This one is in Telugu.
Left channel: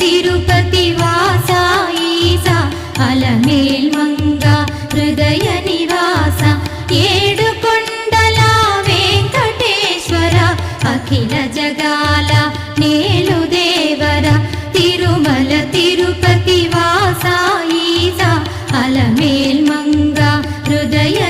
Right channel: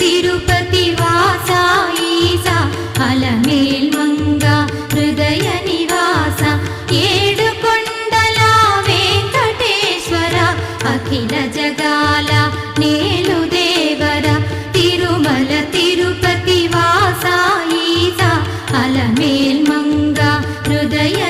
తిరుపతి వాస ఈస అలమేల్ మంగ హృదయ నివాస ఏడు కొండల వెంకటేశ్వర అఖిల జగాల నేలు దేవర తిరుమల తిరుపతి వాస ఈస అలమేల్ మంగ హృదయ